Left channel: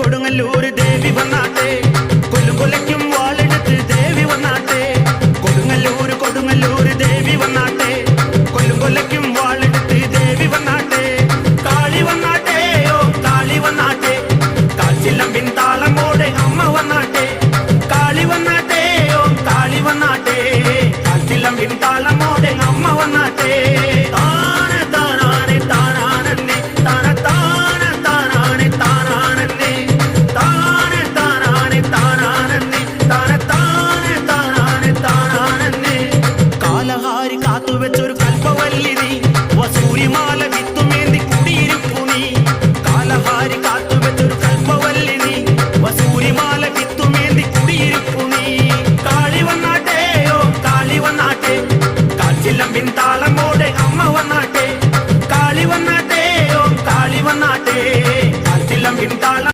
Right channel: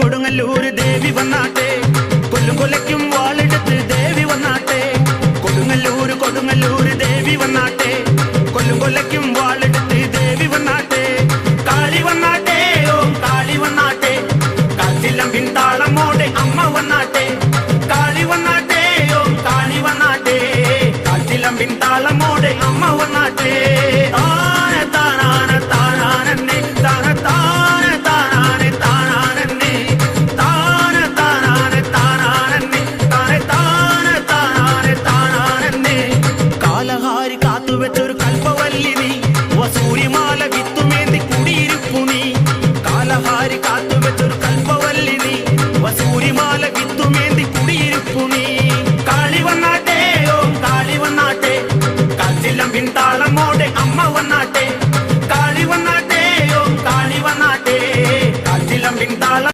കൊടുങ്ങല്ലൂര് ദേവി വന്നാട്ടെ, കൊല്ലും കൊലയ്ക്കും വാളെടുത്ത് ദേവി വന്നാട്ടെ. കൊടുങ്ങല്ലൂര് ദേവി വന്നാട്ടെ, കൊല്ലും കൊലയ്ക്കും വാളെടുത്ത് ദേവി വന്നാട്ടെ. കാളി വന്നാട്ടെ, ഓം കാളി വന്നാട്ടെ, കാച്ചിലമ്പിൻ താളമോടെ അമ്മ വന്നാട്ടെ. കാളി വന്നാട്ടെ, ഓം കാളി വന്നാട്ടെ, കാച്ചിലമ്പിൻ താളമോടെ അമ്മ വന്നാട്ടെ. കാലഹാരി കാത്തുവെച്ചൊരു കൽപ്പവല്ലി നീ, വസൂരിമാല വിത്തുമേന്തി കുടിയിരിപ്പു നീ. കാലഹാരി കാത്തുവെച്ചൊരു കൽപ്പവല്ലി നീ, വസൂരിമാല വിത്തുമേന്തി കുടിയിരിപ്പു നീ. കാളി വന്നാട്ടെ, ഓം കാളി വന്നാട്ടെ, കാച്ചിലമ്പിൻ താളമോടെ അമ്മ വന്നാട്ടെ. കാളി വന്നാട്ടെ, ഓം കാളി വന്നാട്ടെ, കാച്ചിലമ്പിൻ താളം